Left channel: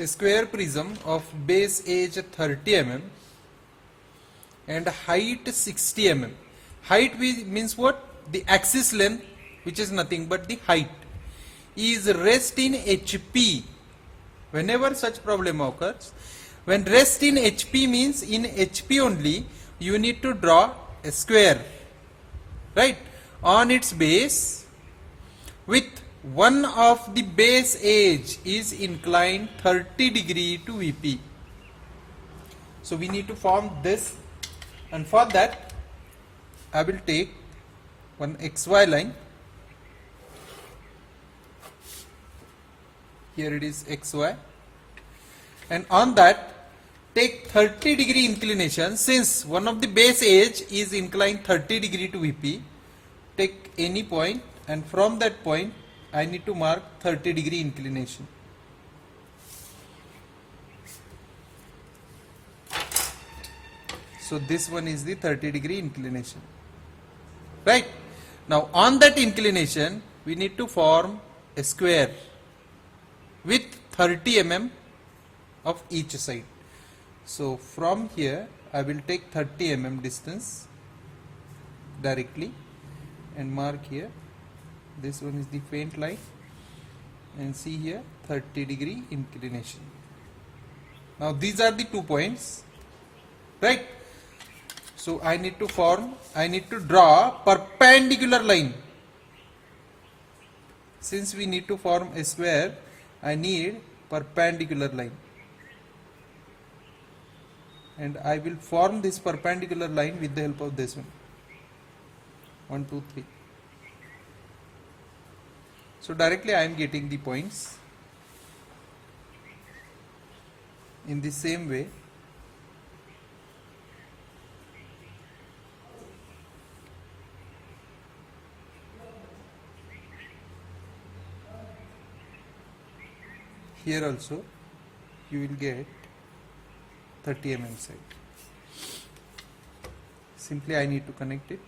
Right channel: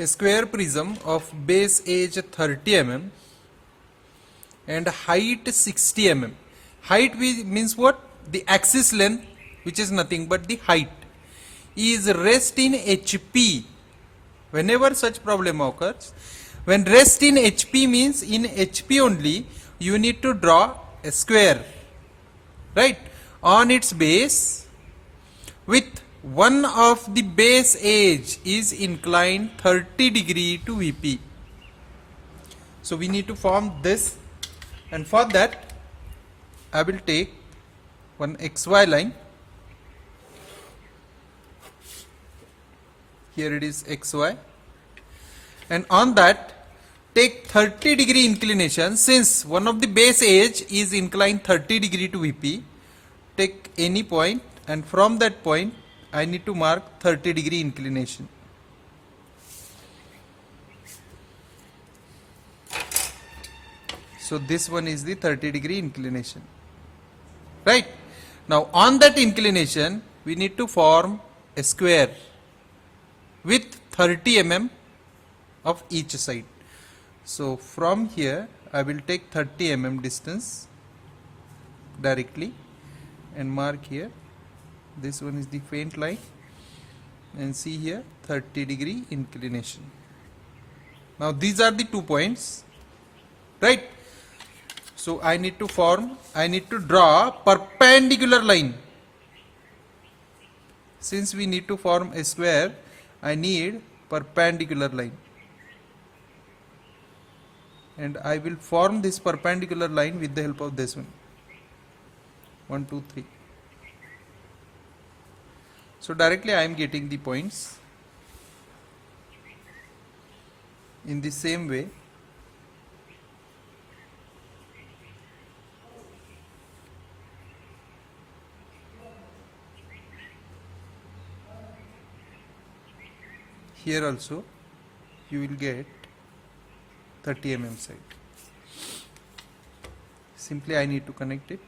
A square prism of base edge 30 mm and height 60 mm. Height means what? The axis length, which is nothing but the height, is rest in HP. Whenever such problem occurs, when rest in HP means in HP only, you need to draw a square, right, on its base with one of the base edge is inclined 30 degree to VP. So we need to form this, and for that I will take one XY line. Here it is XY, and on that take 30 degree inclination. Since one of the base edge is inclined 30 degree to VP, take any point, and from that point I need to mark 30 degree inclination. So this one is the 30 degree inclination, right? Now on that inclination we need to form a square with 30 mm of each side. So from here I will take 30 mm distance directly and mark here. This one is the faint line, and see here 30 degree inclination. Now these are the 2 points, right? So I need to draw perpendicular line. Since we need to form a square, I need perpendicular line, and I will form this perpendicular line with the help of this one. 1, 2, 3. So directly I am getting the points. In the same way, here also you will get 30 mm side. Simply I need to connect it.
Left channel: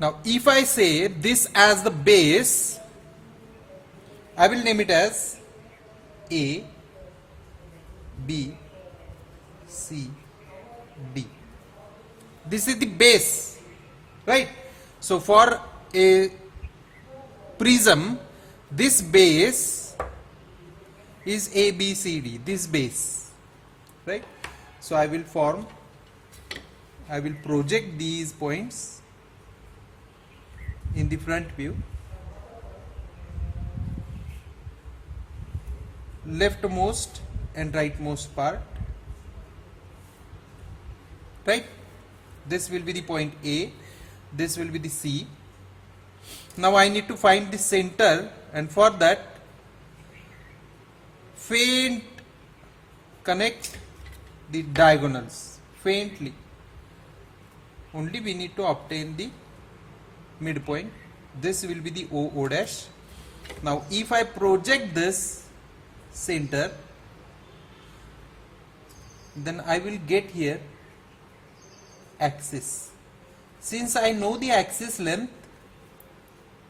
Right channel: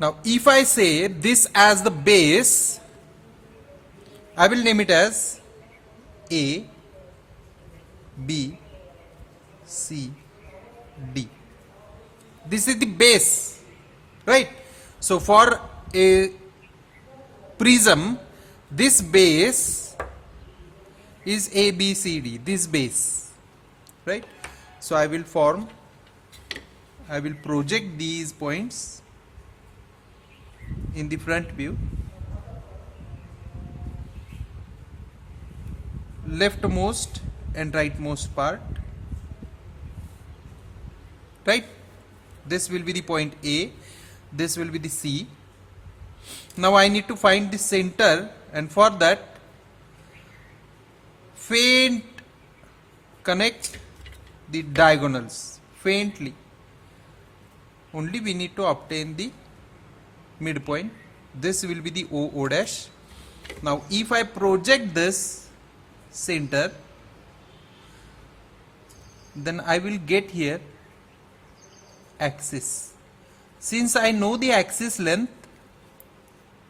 Now if I say this as the base, I will name it as A, B, C, D. This is the base, right? So for a prism, this base is A, B, C, D, this base, right? So I will project these points in the front view. Leftmost and rightmost part, right? This will be the point A, this will be the C. Now I need to find the center, and for that faint connect the diagonals faintly. Only we need to obtain the midpoint. This will be the O dash. Now if I project this center, then I will get here axis. Since I know the axis length,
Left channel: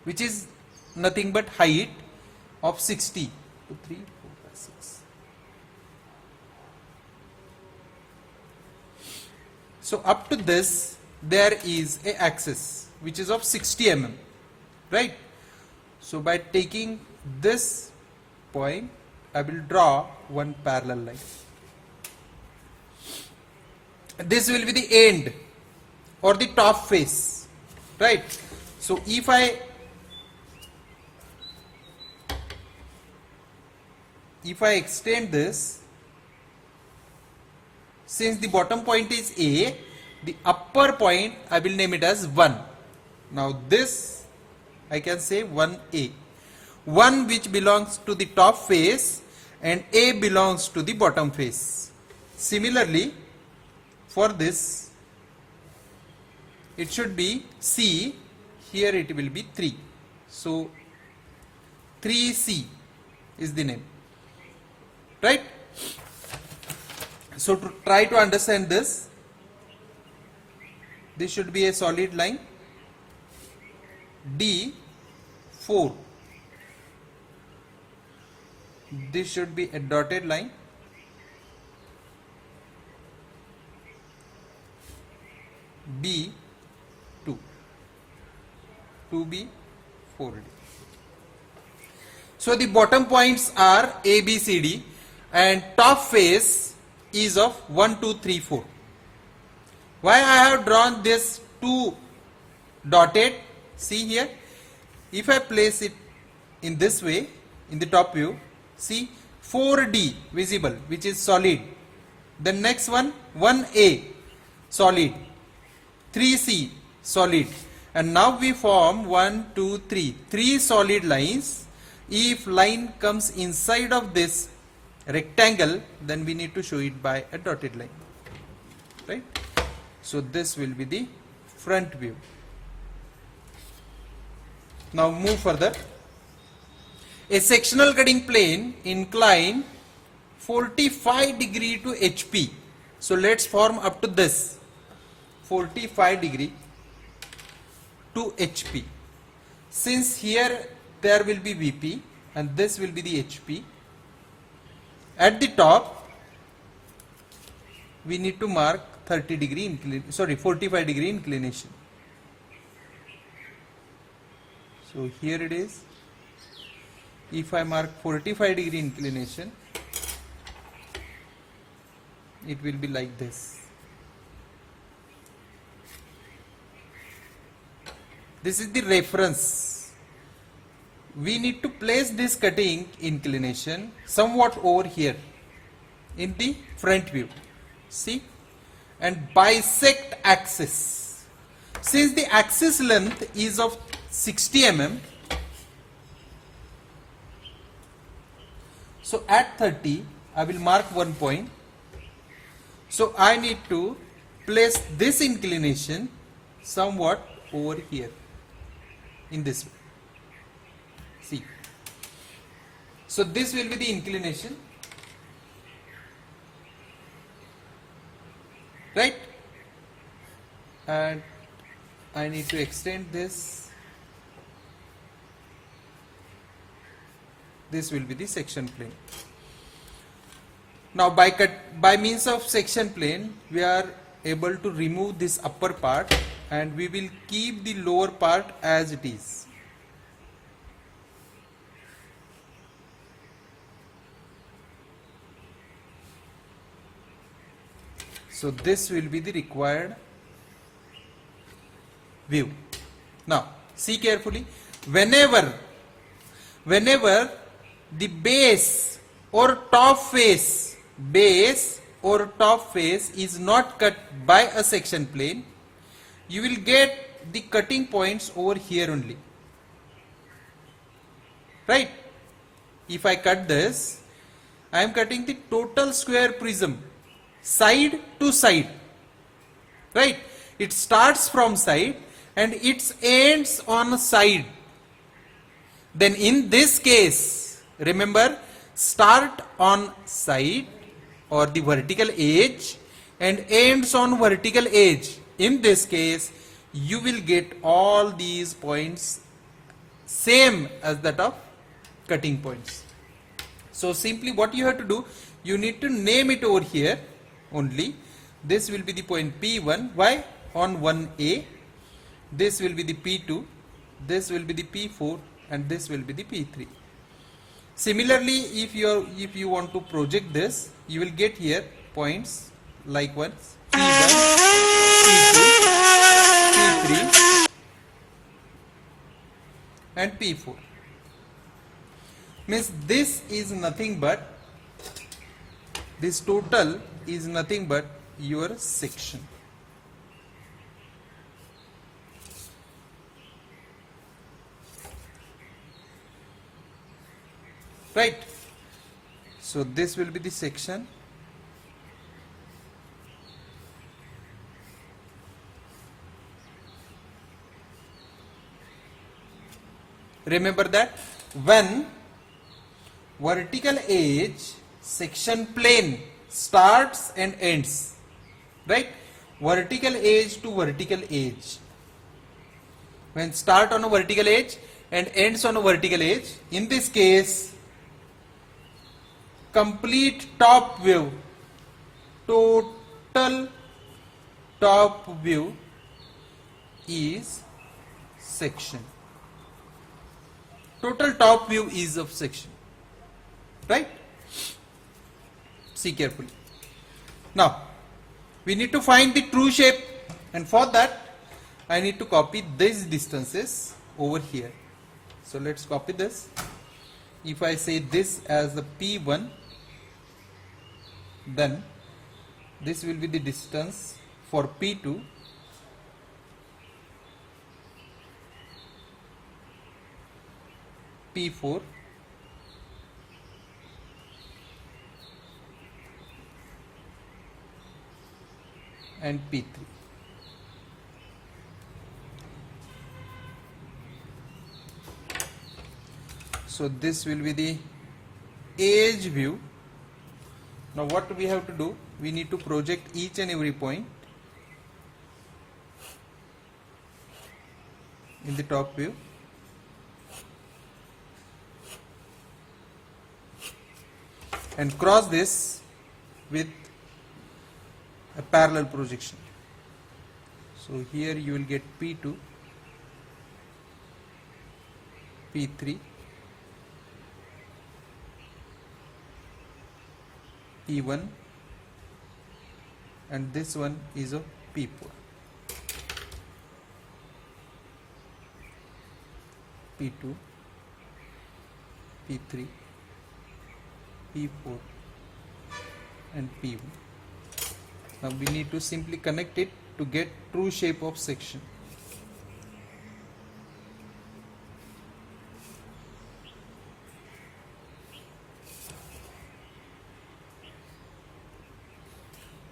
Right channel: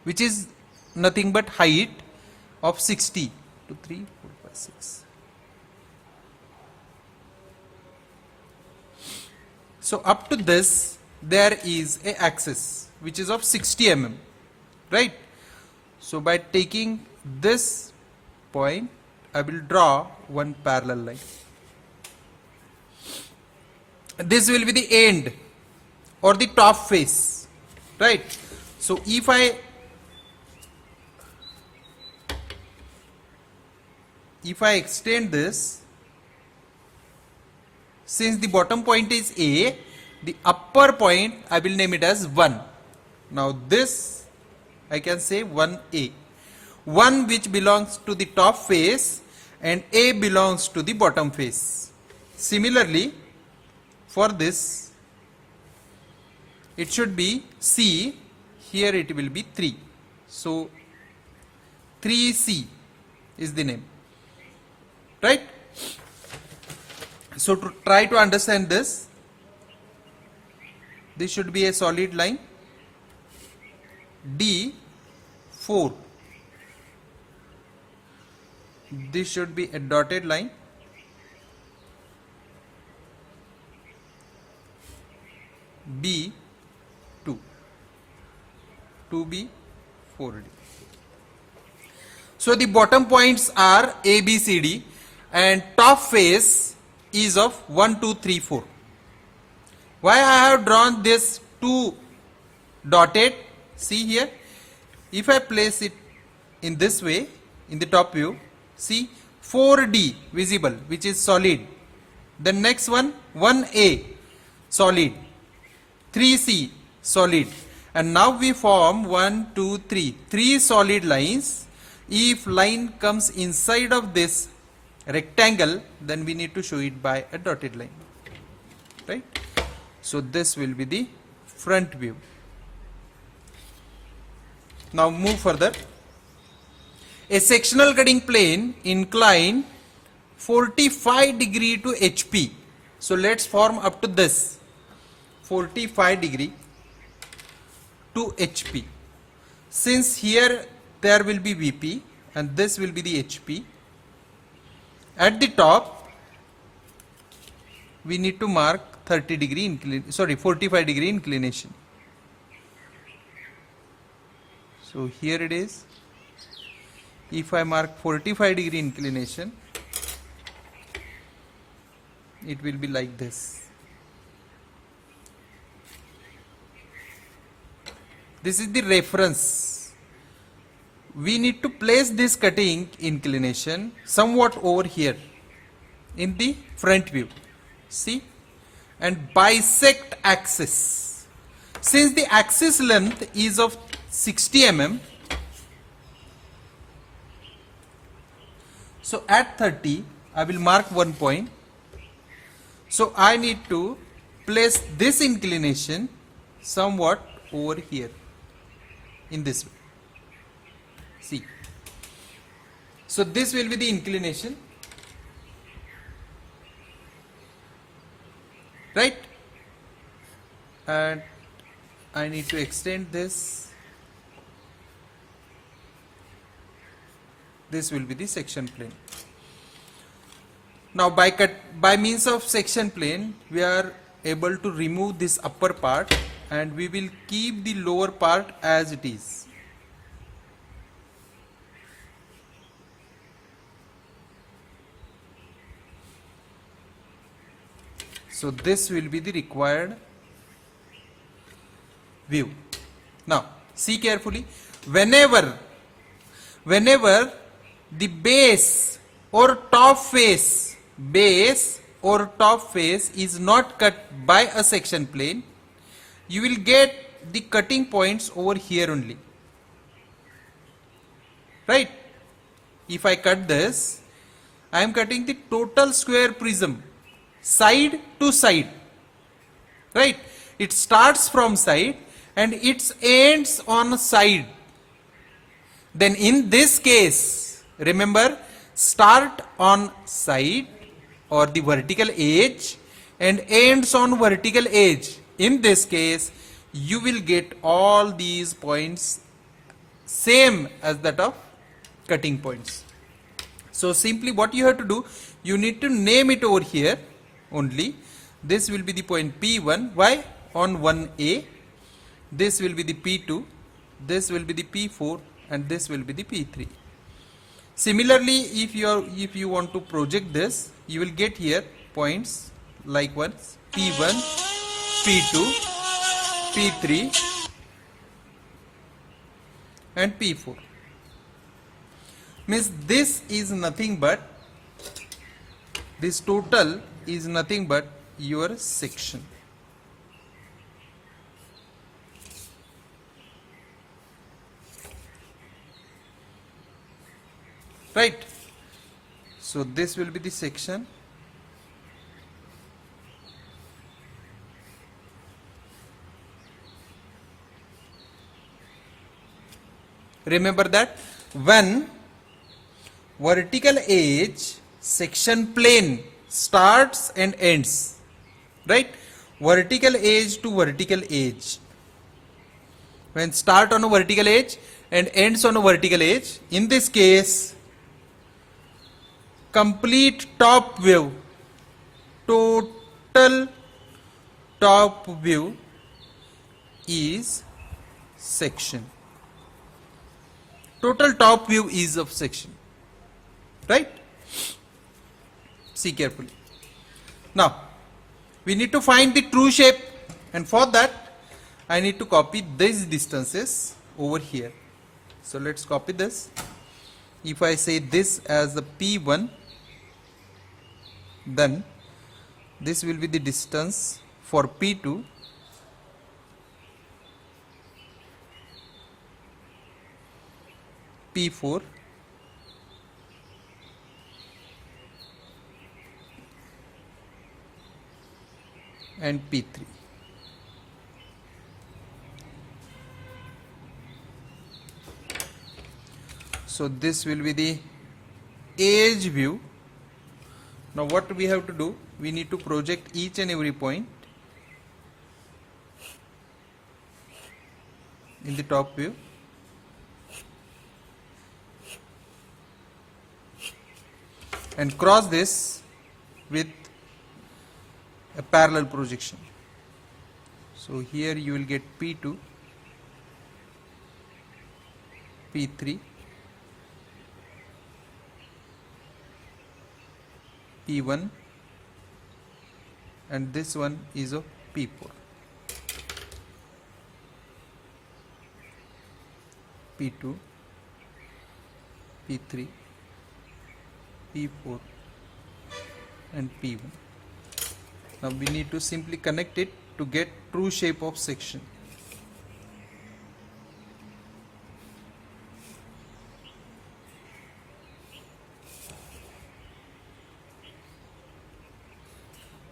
which is nothing but height of 60, 2, 3, 4, 5, 6. So up to this there is a axis which is of 60 mm, right? So by taking this point, I will draw one parallel line. This will be the end or the top face, right? So if I extend this, since the bottom point is A, the upper point I will name it as 1. Now this I can say 1A, 1 which belongs to the top face and A belongs to the bottom face. Similarly, for this it should be C, here it will be 3. So 3C is the name, right? So to try to understand this, this should be a solid line. D4, this should be a dotted line. B2, 2B, 4D. So the bottom points are A, B, C, D, and top face is of 1, 2, 3, 4. Why I have drawn this 2 dotted? See here, if I place it in this way, in the top view, see 4D visible, which is solid. The next one, 1A solid, 3C solid, and now we form 1, 2, 3, 3 solid lines. If line comes inside of this rectangle, then we need to show it by a dotted line, right? So this will be the front view. Now move further. A sectional cutting plane incline 45 degree to HP. So let's form up to this 45 degree to HP. Since here there will be VP and this will be the HP. At the top we need to mark 45 degree inclination. So here it is. If I mark 45 degree inclination, it will be like this. This is the reference. We need to place this cutting inclination somewhat over here in the front view. See? And bisect axis. Since the axis length is of 60 mm, so at 30 I will mark 1 point. So I need to place this inclination somewhat over here in this way. See, so this will be the inclination, right? And I need to extend this. This will be the section plane. Now by means of section plane, we are able to remove this upper part and we will keep the lower part as it is. So this will be the required view. Now see carefully, whenever the base or top face is not cut by a section plane, you will get the cutting points over here only, right? If I cut this, I am cutting the total square prism side to side, right? It starts from side and it ends on side. Then in this case, remember, start on side or the vertical edge and ends on vertical edge. In this case, you will get all these points same as that of cutting points. So simply what you have to do, you need to name it over here only. This will be the point P1. Why? On 1A. This will be the P2. This will be the P4. And this will be the P3. Similarly, if you want to project this, you will get here points like ones P1, P2, P3 and P4. Means this is nothing but, this total is nothing but your section. Right? So this will be the section. Remember that when vertical edge section plane starts and ends, right? vertical edge to vertical edge. When start on a vertical edge and ends on a vertical edge, in this case, complete top view, total top view is section. Total top view is of section. Right? See carefully. Now, we need to find the true shape, and for that I need to copy these distances over here. So let's copy this. If I say this as the P1, then this will be the distance for P2, P4, and P3. So this will be the edge view. Now what we have to do, we need to project each and every point in the top view. And cross this with a parallel projection. So here you will get P2, P3, P1, and this one is of P4. P2, P3, P4, and P1. Now we need to simply connect it to get true shape of section.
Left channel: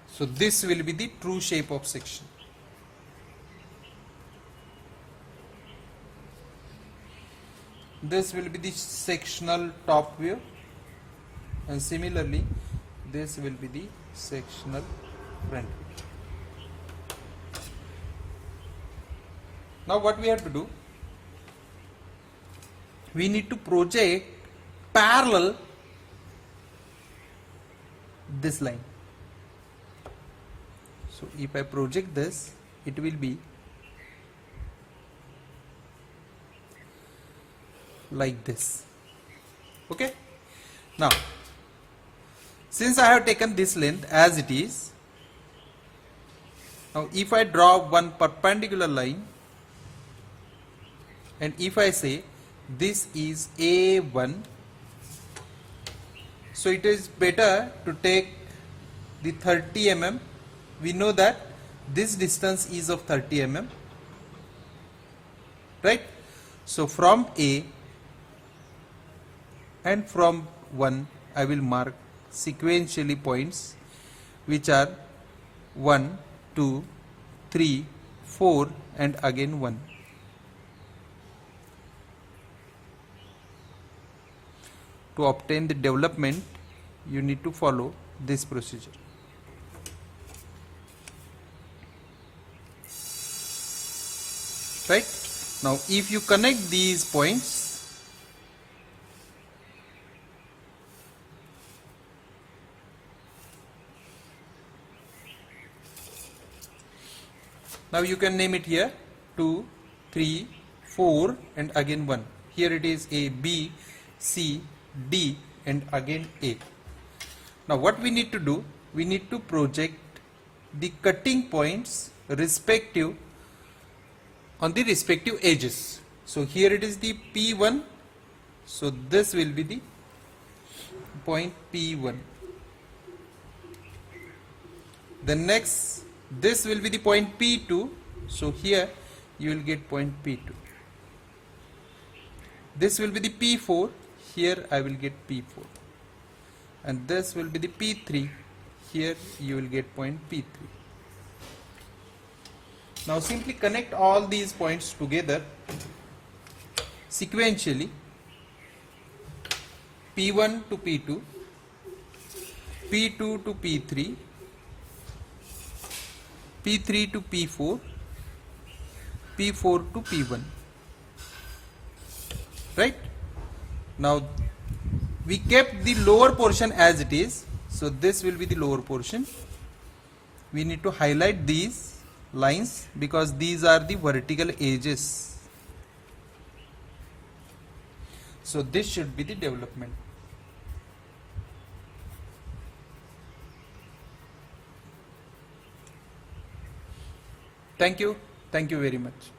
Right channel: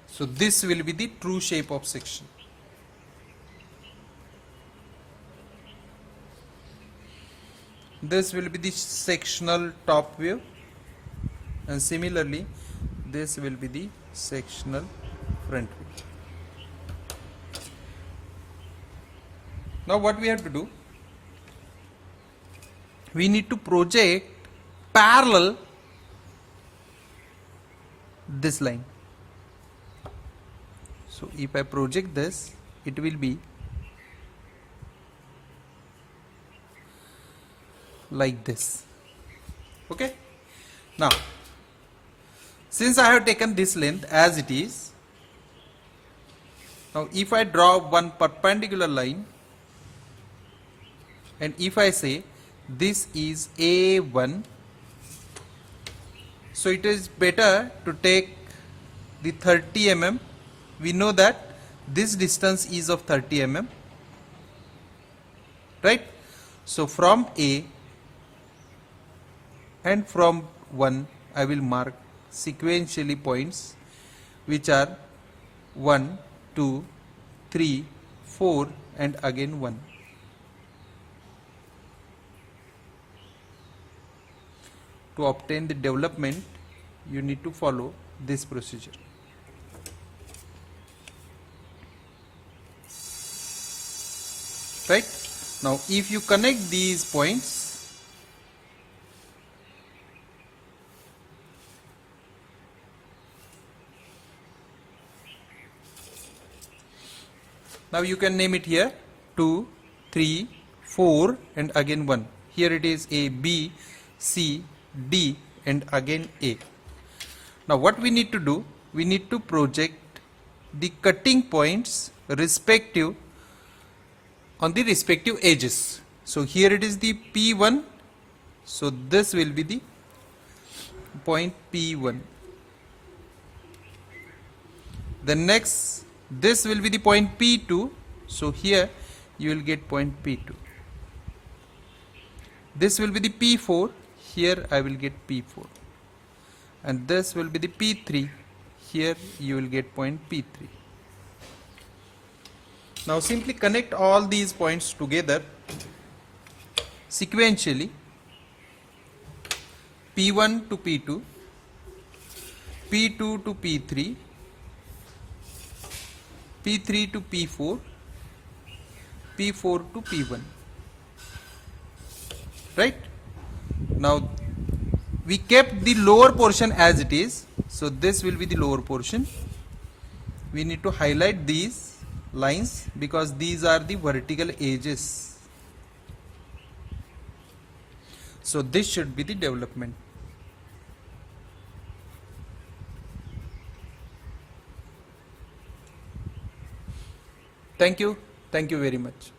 So this will be the true shape of section. This will be the sectional top view, and similarly this will be the sectional front view. Now what we have to do, we need to project parallel this line. So if I project this, it will be like this. Okay. Now since I have taken this length as it is, now if I draw one perpendicular line, and if I say this is A1, so it is better to take the 30 mm. We know that this distance is of 30 mm, right? So from A and from 1 I will mark sequentially points which are 1, 2, 3, 4 and again 1. To obtain the development, you need to follow this procedure. Right? Now if you connect these points, now you can name it here 2, 3, 4 and again 1. Here it is A, B, C, D and again A. Now what we need to do, we need to project the cutting points respective on the respective edges. So here it is the P1, so this will be the point P1. The next, this will be the point P2, so here you will get point P2. This will be the P4, here I will get P4. And this will be the P3, here you will get point P3. Now simply connect all these points together sequentially, P1 to P2, P2 to P3, P3 to P4, P4 to P1, right? Now we kept the lower portion as it is, so this will be the lower portion. We need to highlight these lines because these are the vertical edges. So this should be the development. Thank you very much.